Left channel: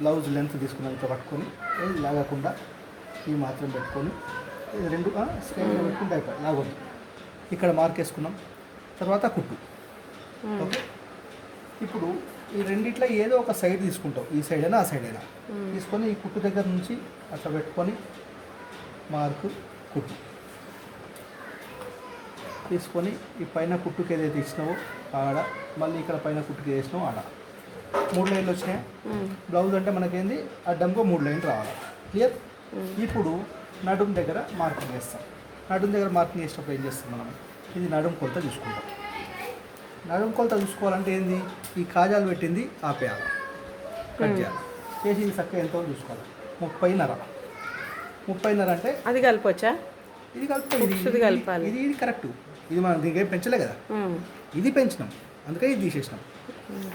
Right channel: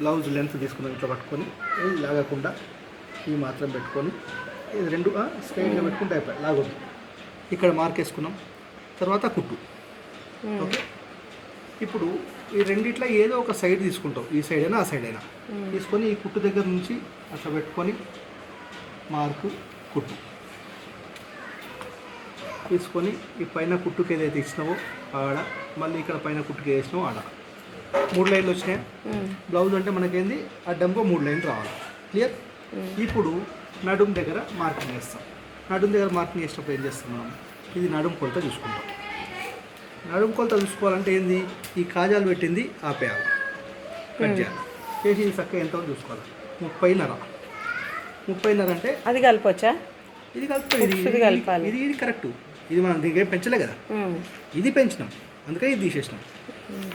Blouse length తీసుకున్నాం, ఇట్లా పట్టుకొని ఇది లాగకుండా ఇవి మాత్రం పెట్టుకొని ఇది రెండు స్ట్రైట్గా పెట్టుకుంటే అయిపోయి లాగొద్దు. ఇక్కడ మార్క్ వేసుకున్నాం, తర్వాత కుట్టు. ఓకే, ఇప్పుడు ఈ రెండిట్లో ఏదో ఒక సైడ్ తీసుకుంటాం, ఈ సైడ్ అయినా ఆ సైడ్ అయినా తీసుకొని ఈ కుట్టు దగ్గర నుంచి అట్లా పెట్టుకొని మార్కు కుట్టు తీసుకొని ఈ పైన కుట్టుకి ఏదైతే ఇచ్చినావో ఆడ, మళ్ళీ ఇక్కడ పైన కుట్టుకి వేసినావో ఆడ 3 లైన్లు వచ్చినాయి. బ్లౌజ్ అంటే మనకేంది అడ్డంగా 3 లైన్లు రావాలి. క్లియర్. ఇప్పుడు నడుం దగ్గర మార్కింగ్ వేస్తాం. నడుం దగ్గర మార్కింగ్ వేసినప్పుడు ఏం చేస్తాం మనం, ఇది నడుం కొలత చూసుకుంటాం. నడుం కొలత చూసుకోవాలంటే ఏంది, ఈ కాజాలు పెట్టింది ఆపేయాలి, కట్ చేయాలి, చేసి ఇది చక్కగా ఎంతో చూసుకోవాలి. 30.5 అంటే అది కలపొచ్చా? ఇది కలుపుతుంది, ఇది కరెక్ట్. ఇది మనం దీనికి పెంచలే కదా, ఇది పెంచినాం, అందుకే ఇది తీసేసినాం.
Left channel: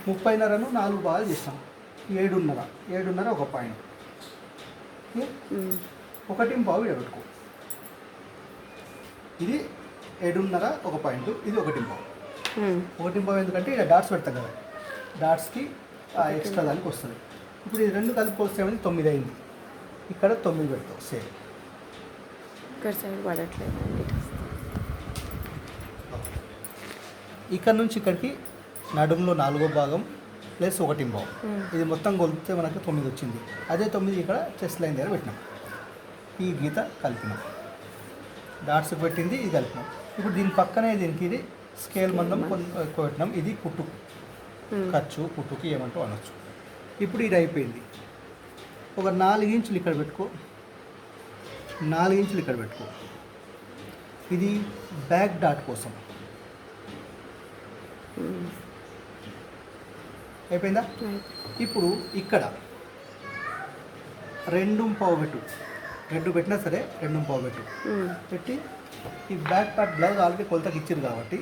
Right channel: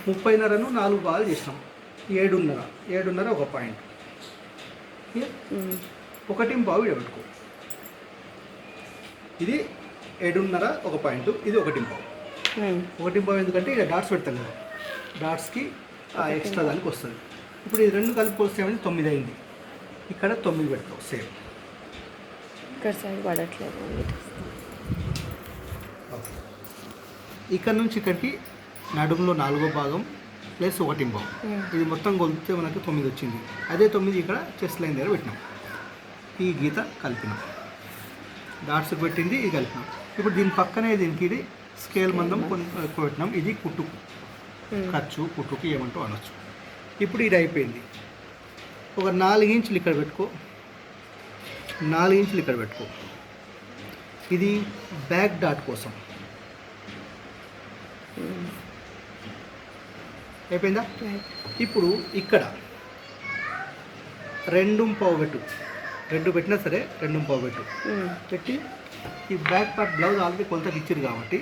30.5ను 4 భాగాలు చేసినాం. 7.5 ఒక పాయింట్, 1.5 ఇక్కడ పెట్టుకో. ఇది 7.5 ఒక పాయింట్, ఇది 1.5. 1.5 ఎందుకంటే ఇక్కడ డాట్స్ పెడతాం కదా, డాట్స్కి ఎక్స్ట్రా దానికి వస్తుంది. ఇప్పుడు ఈ రెండు కలుపుకొస్తామని 9 అయింది. ఇక్కడ 9 పెడతాం సేమ్. ఇక్కడ సైడ్ పడట్లేదు. ఇక్కడ నుంచి ఇక్కడికి నడుములో 4వ భాగం ప్లస్ 1.5. ఇది మొత్తం కొలిపితే మనకు 9 వచ్చింది. అదే 9 ఇక్కడ చెస్ట్ లైన్ దగ్గర పెట్టినాం. ఈ గీత కలిపినాం, డాట్స్ పెట్టింది, ఇది కలిపినాం. ఇప్పుడు దీని పక్కనే దీనికి ఇది స్కేల్ మందం ఎక్కువ పెట్టినాం. ఇది కుట్టు ఖర్చు, కుట్టుకి ఏమంటూ అనొచ్చు. ఇప్పుడు ఇది అయిపోయింది. ఒక 4 ఇంచులు ఇక్కడ పెట్టుకో, 4 ఇంచులు ఇక్కడ పెట్టుకో. ఇది బ్యాక్ డాట్ కోసం అయిపోయిందా? ఇప్పుడు ఇక్కడ 2.5 పెట్టు, 2 పెట్టినా సరే 2.5 పెట్టు. పెట్టి ఈ బ్యాక్ పార్ట్ బ్లౌజ్ ఆల్రెడీ కొలతకి ఇచ్చారు కాబట్టి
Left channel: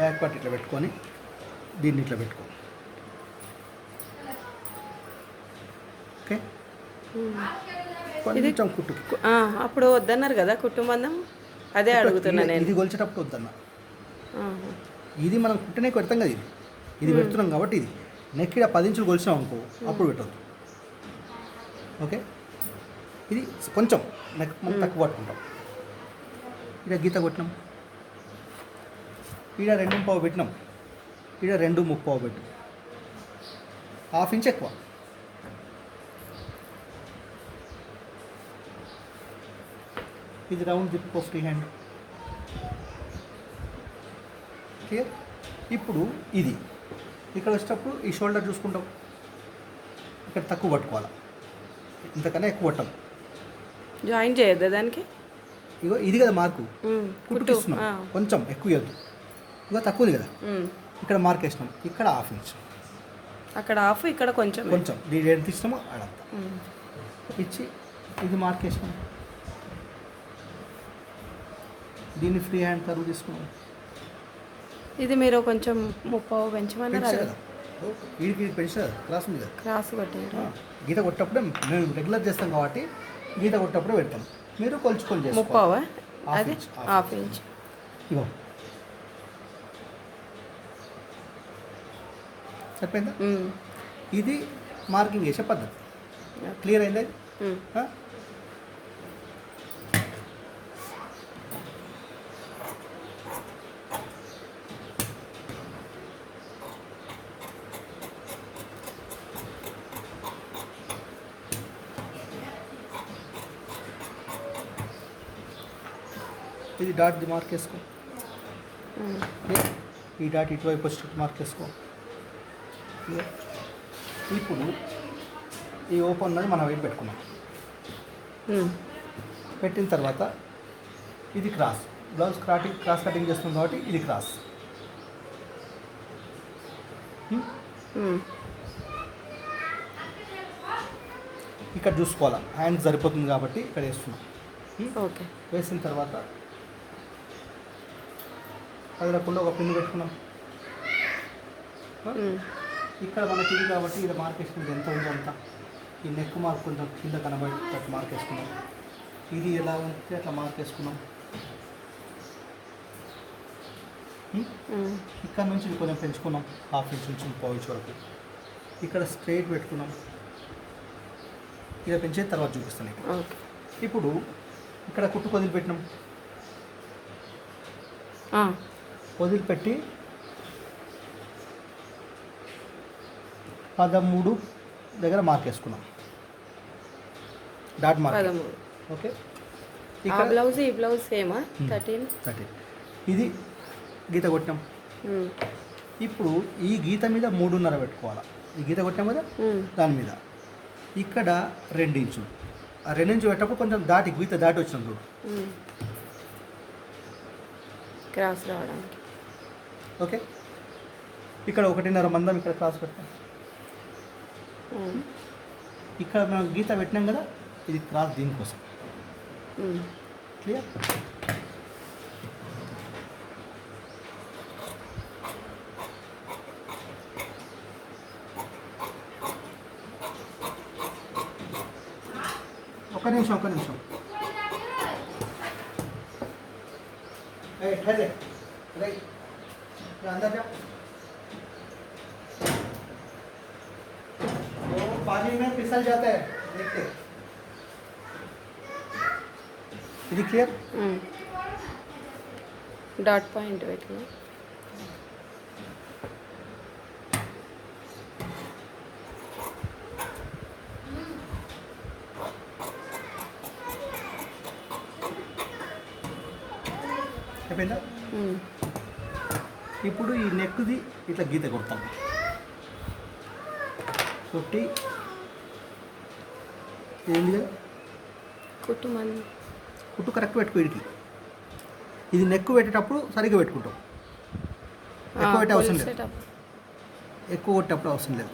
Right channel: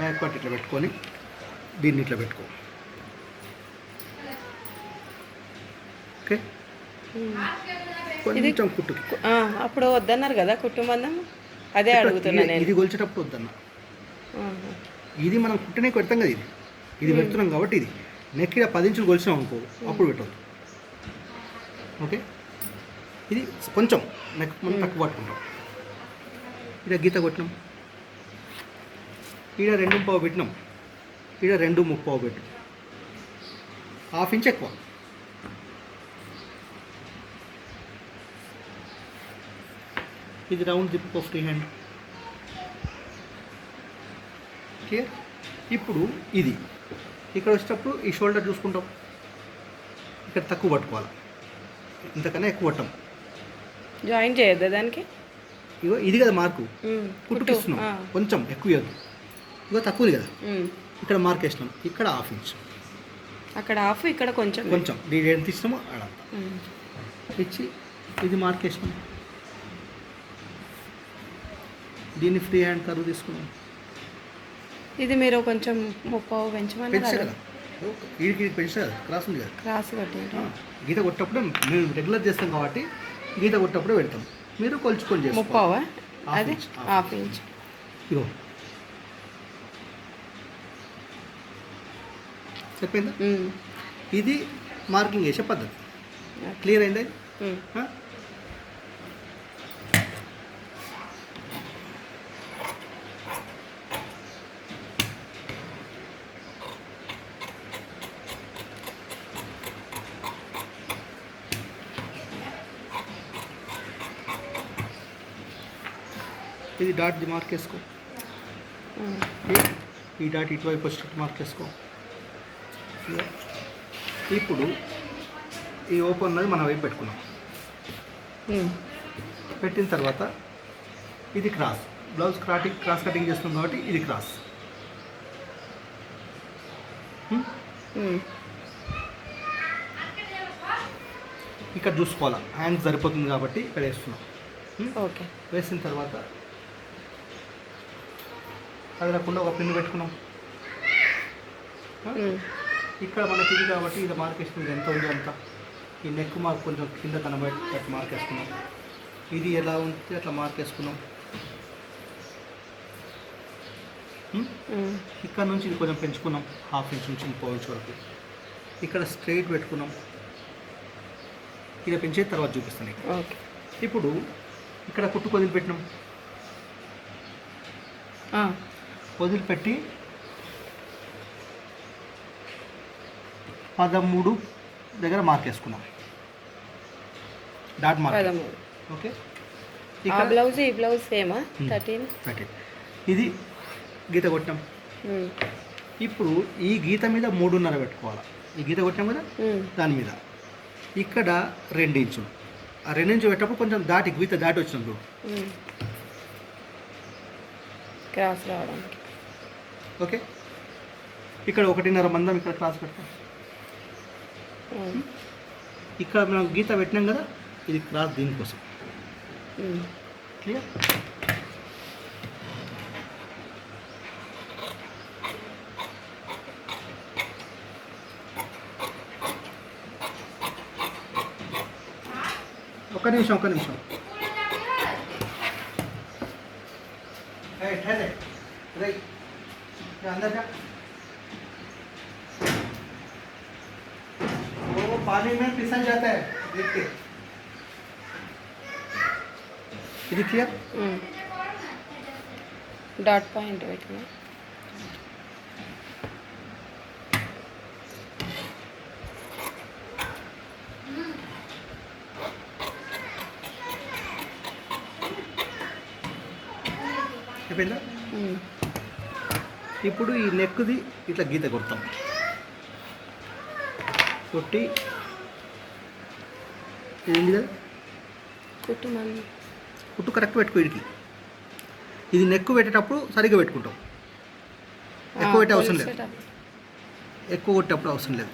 బ్యాక్ పార్ట్ ఇట్లా పెట్టుకొని దీన్ని ఇట్లా పెట్టుకో. ఓకే, కొంచెం కుట్టుకి అప్పుడు వద్దన్నారు కదా కుట్టు మందం, అదే అడుగుతున్నా నేను. ఇది కొలిచేటప్పుడు వద్దన్నా, ఇది మనం కుట్టనే పెడతాం కదా, ఇది పెడుతున్నాం కాబట్టి ఇది నెక్ ఇక్కడ 10 ఇంచులు కొలిచినాం అనుకో, అప్పుడు పెట్టద్దు. ఓకే, ఇది కొంచెం నెక్ మనం తక్కువ పట్టుకుంటాం. ఇక్కడ గీత కొట్టినాం, ఇక్కడ 2.5 పెట్టినాం, ఇక్కడ 2.30 పెట్టు, 1/2 ఇంచ్ ఎక్కువ. ఇది round zip free hand. Clear. ఇప్పుడు ఇది ఇక్కడ వచ్చేటప్పుడు ఈ షోల్డర్ చూసుకుంటాం, ఇక్కడ తక్కువ పట్టుకోవాలి, ఇంతకన్నా ఎక్కువ పట్టాం. జాయిన్ చేయొద్దా దానికి? ఇగో ఇది కదా మార్కు, కుట్టుకిస్తున్నాం, కొంచెం ఎక్కువ ఇవ్వద్దు. ఇక తక్కువది కదా, ఇక్కడ మార్క్ వేసినాం, ఇక్కడ 1/2 ఇంచ్, అక్కడ 1/2, ఇక్కడ కొంచెం కొంచెం దీని ఎంత ఇచ్చినామో అలా ఇచ్చి ఇది మార్క్ వేసినాం. దీన్ని ఫ్రీ హ్యాండ్ కరువు తీసుకున్నాం. ఇది మీరు కొంచెం 30 పెంచమన్నారు. వీడికి పెంచా క్లాస్ ఉంది కదా, క్రాస్ కొట్టి గీత కొట్టప్పుడే మేము రెగ్యులర్ చేస్తాం కాబట్టి గీత కొట్టప్పుడే పెడతాం. మీరు కొలుచుకొని చేస్తాం. 30 అది 1/2 ఇంచ్. ఇగో సరిపోయిందా? ఇది మార్కింగ్ చేసే పద్ధతి. క్లియర్ అయిందా? ఇది డాట్ మార్క్ వేసుకో, ఈ డాట్ ఇటువైపు వచ్చి మార్క్ వేసుకో. ఇప్పుడు ఈ ఓపెన్ అన్నది మనం వైపు పెట్టుకున్నాం. పెట్టిన తర్వాత ఇది క్రాస్, బ్లౌజ్ క్రాస్ కటింగ్ చేస్తున్నాం కాబట్టి ఇది క్రాస్. ఇక్కడ చూసుకోవాలా, హ్యాండ్ సరిపోతుంది కాబట్టి ఇక్కడ వేస్తున్నాం. ఓకే, వేసిన తర్వాత కదలకుండా ఒక పిన్ను పెట్టుకున్నాం. ఇక్కడ మనకి ఇది కాబట్టి ఇది మార్క్ వేసుకుంటే ఎంత ఉందో అంత. ఈ నెక్ మార్క్ కొంచెం కింద కనబడేటట్టు మార్క్ వేసుకున్నాం. ఇది ఎలా ఉంటే అట్లా మార్క్ వేసుకున్నాం. ఇక్కడ నుంచి ఇది కొంచెం పెంచుకున్నాం, 1/2 ఇంచ్ నుంచి 1/4 ఇంచ్ వరకు. ఇక్కడ స్ట్రైట్ పెట్టుకున్నాం. ఇక పెంచే తర్వాత చూపిస్తాను. ఓకే. ఇప్పుడు ఇక్కడ కుట్టుకు వదిలిపెట్టినాం. వదిలిపెట్టి 13 దగ్గర మార్క్ వేసుకున్నాం. Dot mark. 13. ఓకే. ఆ బ్లౌజ్ ఈ బ్లౌజ్ సేమా? 13. ఇది గీత కొట్టినాం. ఇప్పుడు ఈ గీత మీద 3.5 పెట్టుకోవాలి. ఈ గీత కొట్టినాం కదా, దాని మీద ఇక్కడ 2 ఇంచులు. ఆ 2 ఇంచులు పెట్టినప్పుడు కొంచెం గీత దాటి వచ్చినాం చూడు, క్రాస్ రావడానికి. ఓకే. ఇక్కడ 1.5 మందం ఇక్కడ క్రాస్ పెడతాం. ఇక్కడ మనం గీత పెట్టినాం కదా, ఇది క్రాస్ దీనికోసం. క్లియర్? ఒక నిమిషం. ठहरे रही अंदर का वो पानी में फिसल जाता है, देख के. ఇది క్లియర్? డాట్ పాయింట్ పెట్టినా. అయిపోయిందా? ఇప్పుడు ఈ నెక్ది ఇట్లా గీత కొడతాం. కొట్టి ఏంది కదా, కుట్టు కరెక్ట్ పెట్టుకో. ఇడికి ఇది నెక్ పెట్టేటప్పుడు సరిగ్గా పెట్టుకుంటాం. ఎక్కువ పెట్టే అవసరం లేదు, ఎక్కువ కొట్టేటప్పుడు అవసరం లేదు.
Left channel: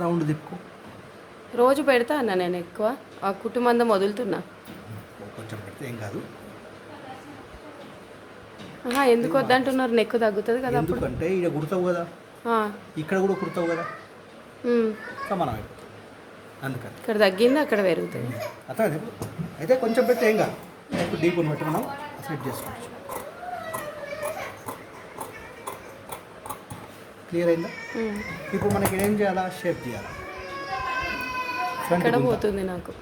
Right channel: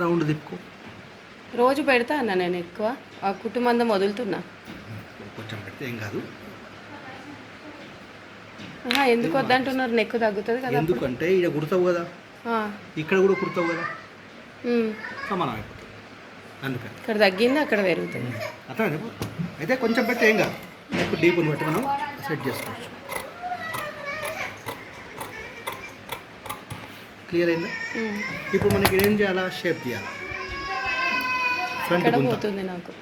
రౌండ్ దిక్కు రోజు పెడతా అన్న నేను. ఎక్కువ ఆ కుట్టు మందం వదులుతున్నా. కొంచెం పెడితే ఏం కాదు. ఎందుకు వద్దంటున్నారు? నెక్కు తగ్గుతుంది కదా. ఎందుకంటే ఇక్కడ కుడతావు కదా, ఇక్కడ కూడా కుడతావు కదా, సమానం అయిపోతుంది. అందుకని ఇక్కడ తగ్గింది, అక్కడ పెరుగుతుంది. అర్థమైంది? అయితే కొంచెం పెడితే ఏం కాదు. డీప్ బట్టి మనం సెట్ చేసుకోవచ్చు. క్లియర్ అయిందా? ఇప్పుడు మనకి ఏం చేయాలా? షేప్ తీయాలి. ఇక్కడ పోతుంది నాకు.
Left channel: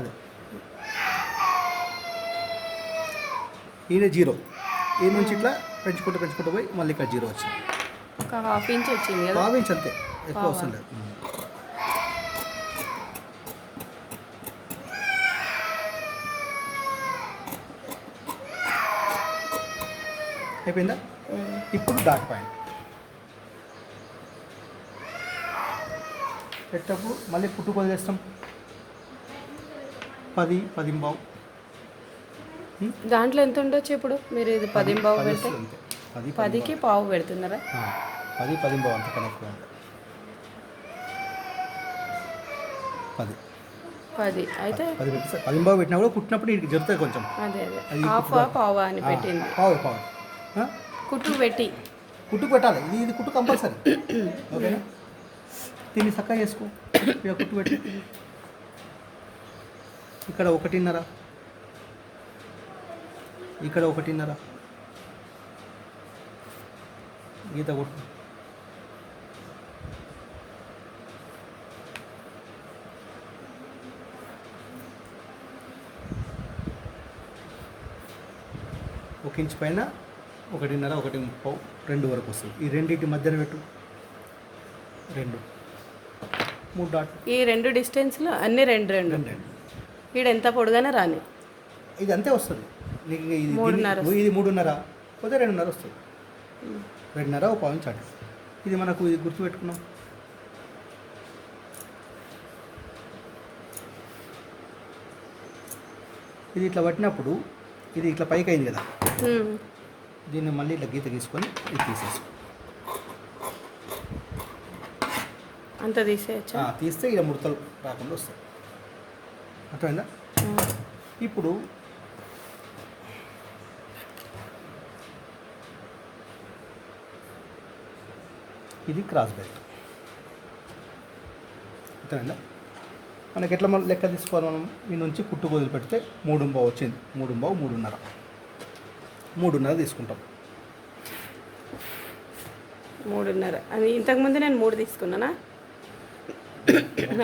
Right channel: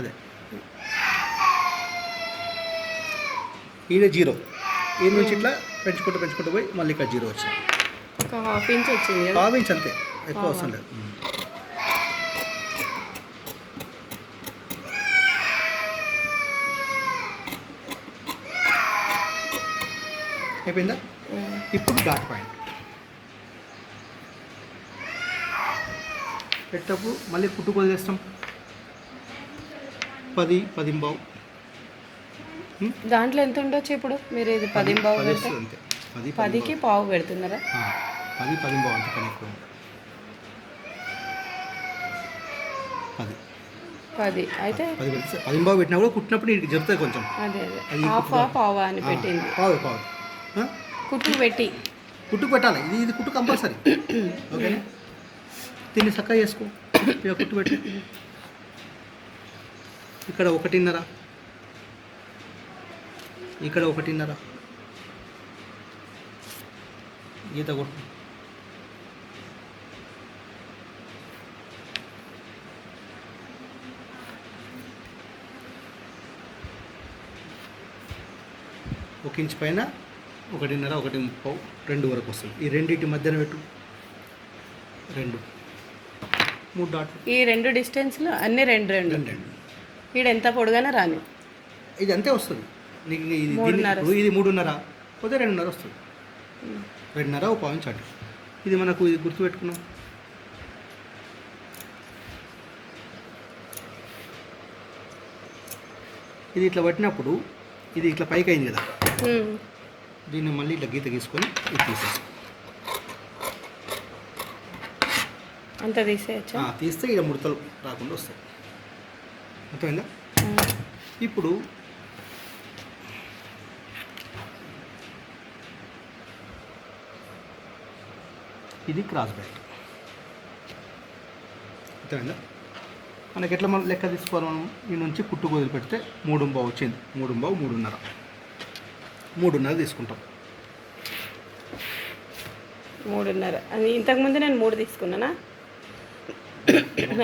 అదే ఈయన 0. ఈ నుంచి ఇట్లా పెంచుకుంటూ పోయి మళ్ళీ ఇక్కడ 0 వచ్చింది. ఒక ½ ఇంచ్ వచ్చింది కదా. ½ ఇంచ్ అంతే, ఎక్కువ అవసరం లేదు. అయిపోయిందా? ఇప్పుడు డాట్ పాయింట్ పెట్టేటప్పుడు మళ్ళీ కుట్టుకు వదిలేస్తాం. 10 దాంట్లో ఎంత ఉండొచ్చు ఇప్పుడు? మీరు ఇది 10 పావు పెడితే 10కి పావు పెడుతున్నారా? 10 అంత కనెక్ట్. 10 అయితే 10 పావు పెట్టినా కూడా కుట్టినప్పుడు ఇది జరుగుతుంది కొంచెం. అదే హాఫ్ పావు అని పెట్టింది. పావు కుట్టు పెట్టాలి. ఇది కుట్టు కంపల్సరీ. ఓకేనా? దీన్ని చక్కగా చేసుకో. ఇక్కడ కుట్టు పెట్టి ఇక్కడ 1.5, ఇక్కడ 1.5 గీత కొట్టు. ఒక ఇంచ్ పైన 1.5, 1.30, 2 వరకు వస్తుంది. ఈ రెండింటి మధ్యన పెట్టు. 2, 3 డాట్లు. ఈ 2 డిస్టెన్స్లో అన్ని 2 ఈడ ఎంత పొడుగానే రాని. ఇది అంతే వస్తుంది నీకు. ఇది 3.5 పోతే 2.5 వస్తుంది. 2.5 ఒక పావు చాటు. ఇది మనకు ఇది గుర్తుపెట్టుకున్నాం. ఇది ఇట్లా పట్టినప్పుడు ఇది ఇట్లా పైకి అయింది కదా, దీన్ని మళ్ళీ ఇట్లా గీత గీసుకొని ఇది తీసేసి అంత తీసేయచ్చా? తీస్తే ఇక్కడ ముడతలు రాకుండా వస్తాయి. అర్థమైందా? ఇప్పుడు ఇది క్రాస్ బెల్ట్. అర్థమైందా? మనకి ఎట్లా మనం లెక్క తీసుకోవాలి? మనం ఈ నుంచి కుట్టు వదిలి పెడితే 3.5 వచ్చింది. 3.5, 3.5 తీసుకుంటాం. 3.5 అది ఇంతకుముందు నేను 3 తీసుకున్నానా?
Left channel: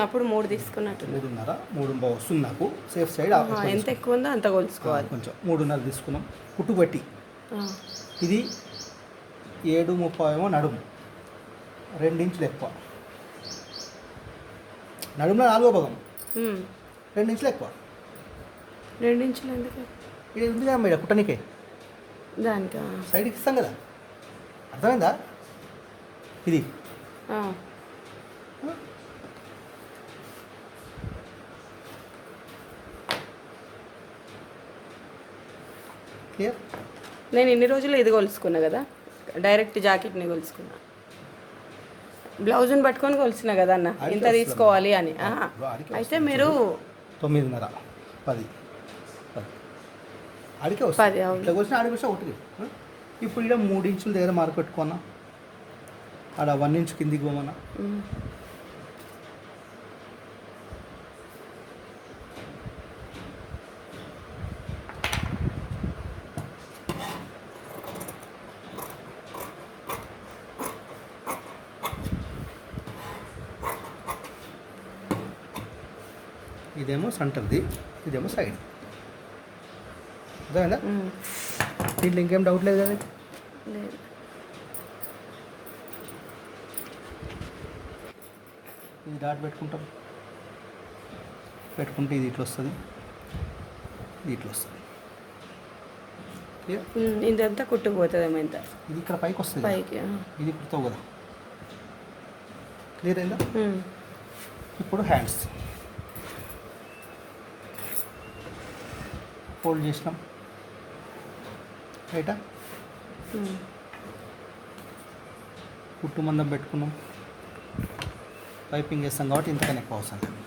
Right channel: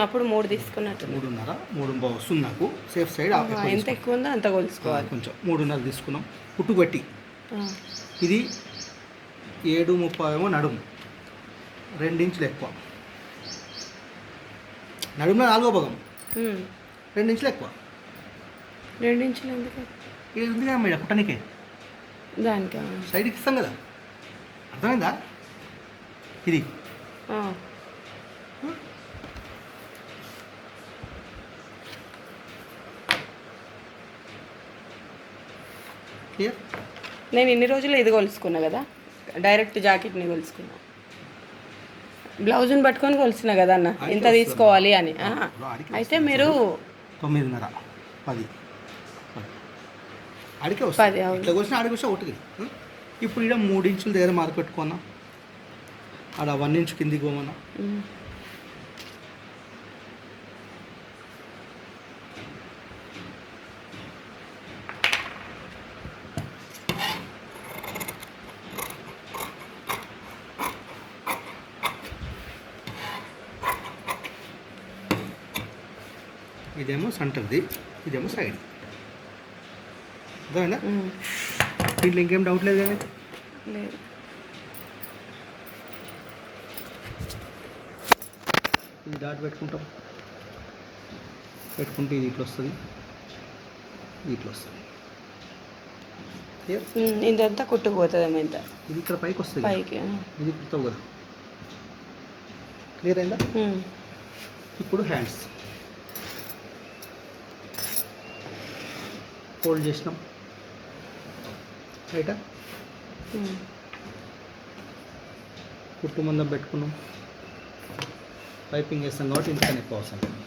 అప్పుడు 3 తీసుకున్నట్టు. 3.5 3 వస్తుంది నాకు సేఫ్ సైడ్. ఎంత ఎక్కువ ఉందో అంత కొలుసుకోవాలి. కొంచెం 3.5 తీసుకున్నాం పుట్టు పెట్టి. ఇది 7.30 నడుము, 2 ఇంచులు ఎక్కువ. నడుములో 4వ భాగం 2 ఇంచులు ఎక్కువ. 2 ఇంచులు ఎందుకు? ఇది ఉంది కదా మేడం పుట్టనికే, దానికి సైడ్కి ఇస్తాం కదా, అర్థమైందా? ఇది క్లియర్. నేను ఇన్ని రోజులు ఇది కొలుసుకున్నా కదా, డైరెక్ట్ జాకెట్ని కొలుసుకున్నా. బ్లౌజ్ని పట్టుకొని కొలిసిన కదా అన్న ఇంత తీసుకోవాలి అని. అయితే మీరు 9.5 10 అడిగే వస్తుంది. ఇట్లా కొలిసిన ఆడికి వస్తే ఒకటికి. ఇప్పుడు ఇక్కడ 3 ఇంచుల దగ్గర మార్క్ పెట్టుకున్నా, ఆడ 1 ఇంచు కిందికి పోమన్నా. ఇదేమో సెంటర్ది, ఇదేమో సైడ్. అదేనా? దీంట్లో ఇంకేం డౌట్ లేదు కదా? లేదు. ఈ డాట్ పెట్టుకుంటాం, పెట్టుకుంటే ఇది ఇట్లా వస్తుంది, ఇది ఇట్లా వస్తుంది. ఇదంతా కుట్టుకుపోతుంది. ఇంత ఇది ఇక్కడ పైకి వస్తుంది, పైకి ఇది కుడతావు కదా. క్లియర్ అయిందా? ఇప్పుడు హ్యాండ్స్ ఫోల్డ్ చేసినాం, రైటా? కుట్టు మందం పెట్టుకున్నాం, పైపింగ్ వేస్తాం కాబట్టి ఇంతకన్నా ఎక్కువ అవసరం లేదు.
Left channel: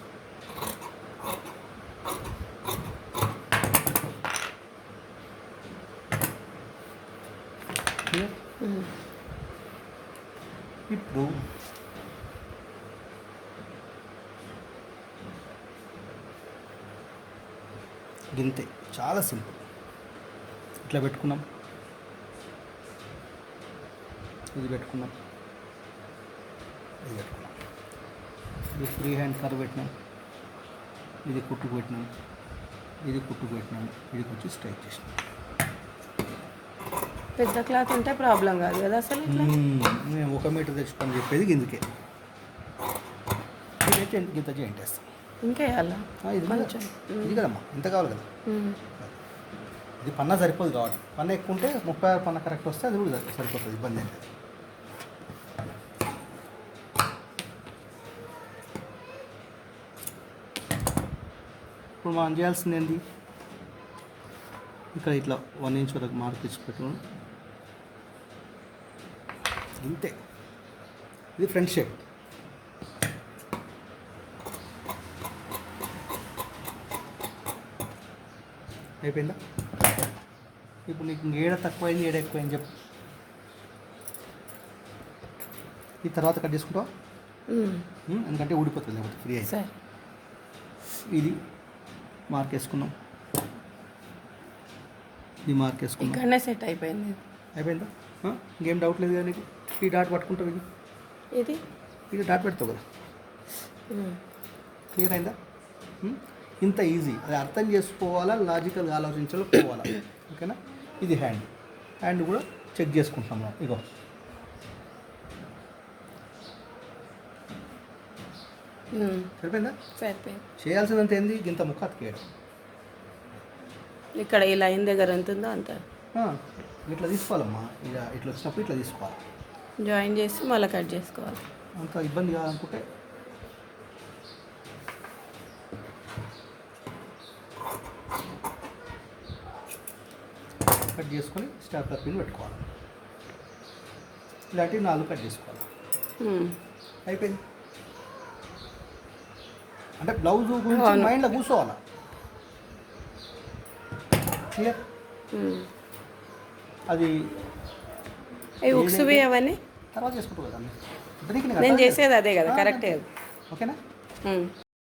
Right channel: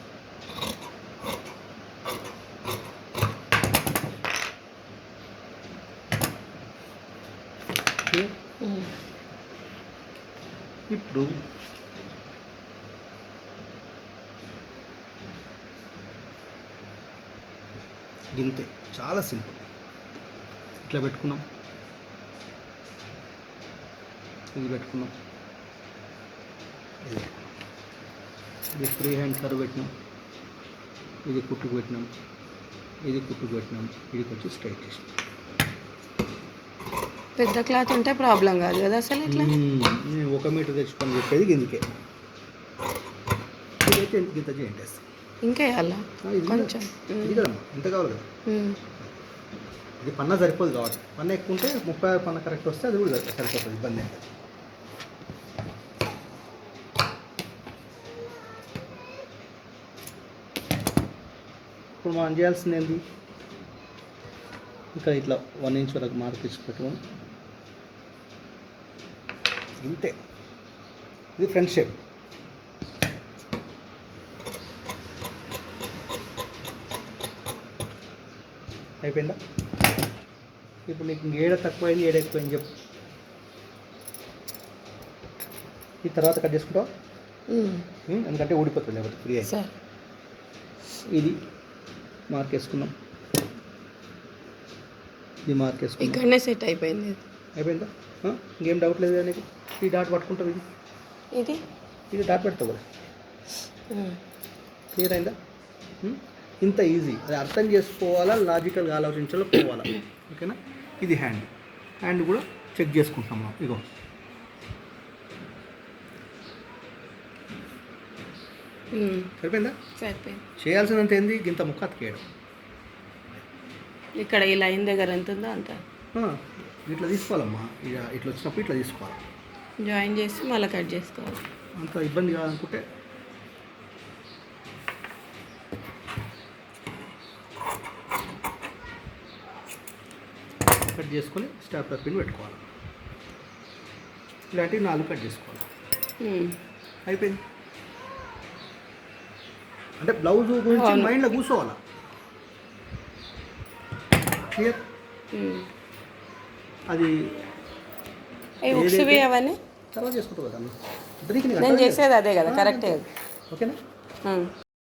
ఇప్పుడు గింతే, చాలా సింపుల్. ఇట్లా పెట్టుకున్నాం, ఇది పెట్టుకున్నాం, ఇది పెట్టుకున్నాం, ఇది ఫ్రీ హ్యాండ్ కర్వ్ పెట్టినాం, ఇది కుట్టుకు పెట్టినాం, ఇది కుట్టుకు పెట్టినాం, ఇదికి వచ్చి స్ట్రైట్ చేసినాం. పెద్ద క్లాత్ ఉంటే ప్రాబ్లం కాదు కదా అసలు. ఇట్లా మేము 1 మీటర్ తెచ్చుకొని చెప్పేది ఇందుకే. ఇదైతే ఇంత చేయండి వేస్తాం. ఇంకా వేయాలా కొంచెం? ఇది కదమ్మా, ఇంత కావాలి కదా. ఇది పన్నా సరిపోదు కాబట్టి, పన్న ఎక్కువ ఉంటే 36 పన్న కరెక్ట్ వస్తే అది కూడా సరిపోతుంది, ఇబ్బంది ఏం లేదు. ఇప్పుడు మనం చేయాల్సింది ఏంటి, ఇక్కడ ఇట్లా 1 ఇంచ్ వరకు మార్క్ ఇచ్చి పెట్టుకోండి, ఇంతే. ఇది ఫ్రంట్ షేప్. అయిపోయిందా? ఇప్పుడు నీకు ఏడ తక్కువైంది ఏడ ఎక్కువైంది చెప్పు. ఈ తర్వాత కట్ చేసుకుంటావా? ఎందుకంటే ఊడిపోతుంది లేకపోతే ఫ్రీ అయితే. ఇది మార్క్ వేసుకున్నాం, ఇది మార్క్ వేసుకున్నాం, ఇక్కడనే సెట్ అయిపోయింది. అయిపోయిందా? ఇంకేం డౌట్ లేదు కదా నీకు? ఈ డాట్ పట్టుకుంటావు, ఇది డాట్ పెడతావు కదా. క్లియర్ అయిందా? ఇంత ఈజీ. అది అర్థం చేసుకోవాలా, లాజికల్గా ఆలోచించాలో పోవాలా. ఓకేనా? ఇది హ్యాండ్ కూడా చెక్ చేసుకుంటాం మనం. ఇగో సరిపోయిందా? సరిపోయింది. చేయాల్సినంత ఏంది, ఇంత ముక్క అతికేయడం. ఇక్కడ ఈ లైన్ దగ్గర ఎంత ఉందో అంత ఇట్లా తీసుకోవాలమ్మా. ఇక ఇట్లా వచ్చినప్పుడు ఇట్లా తీసుకోవాలి, జాయిన్ చేసి మళ్ళీ కట్ చేసుకోవాలి. అంత ఇబ్బంది కాదనుకుంటే కట్ చేసుకొని స్టాప్లర్ పిన్ పెట్టుకోవాలి. ఇలాంటివి 4 కట్ చేసుకోవాలి. అయిపోయింది. అంటే బ్లౌజ్ గురించి మైండ్లో కూర్చోవాలి. క్లియర్? అది ఉక్సువి అవన్నీ తర్వాత చేసుకుంటావు కదా. నేను చేసేది అదే కదా, కరెక్టే. ఓకేనా?